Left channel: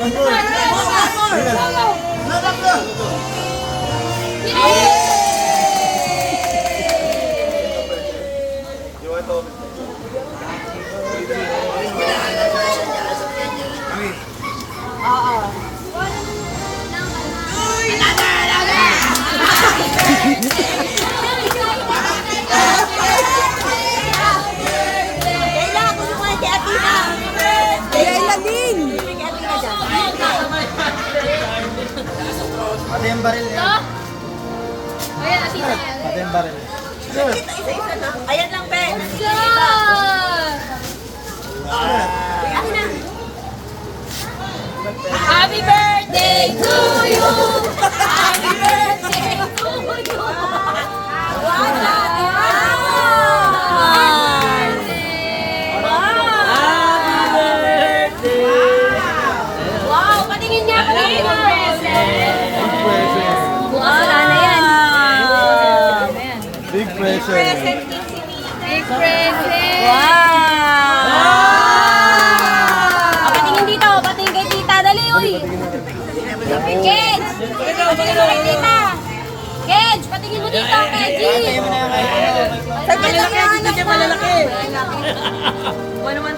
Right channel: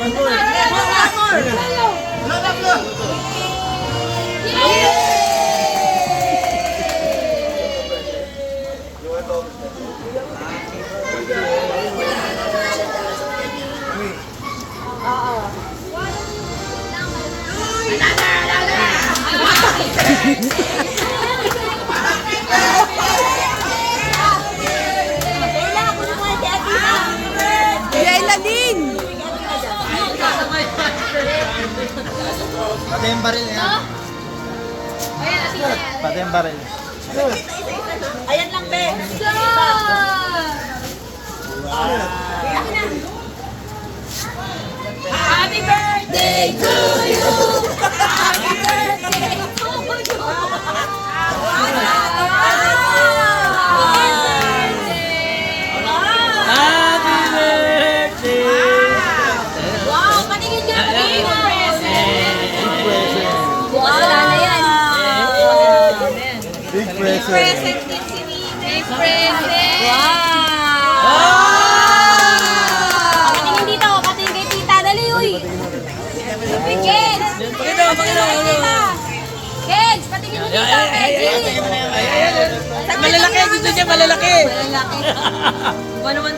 Kailangan ko naman si Atina. Kailan din? Pati yung baril niya. Pati yung baril. Ayan lang, pe. Happy birthday to you! Happy birthday to you! Wow, patingin niya, patingin mo. Big present. Big present! Patingin dito, patingin kay tita. Dali, uy. Kids! Patingin kay tita. Kids, patingin mo dito, Reggie. Malalaki, dito siya malalaki. Malalaki. Ano man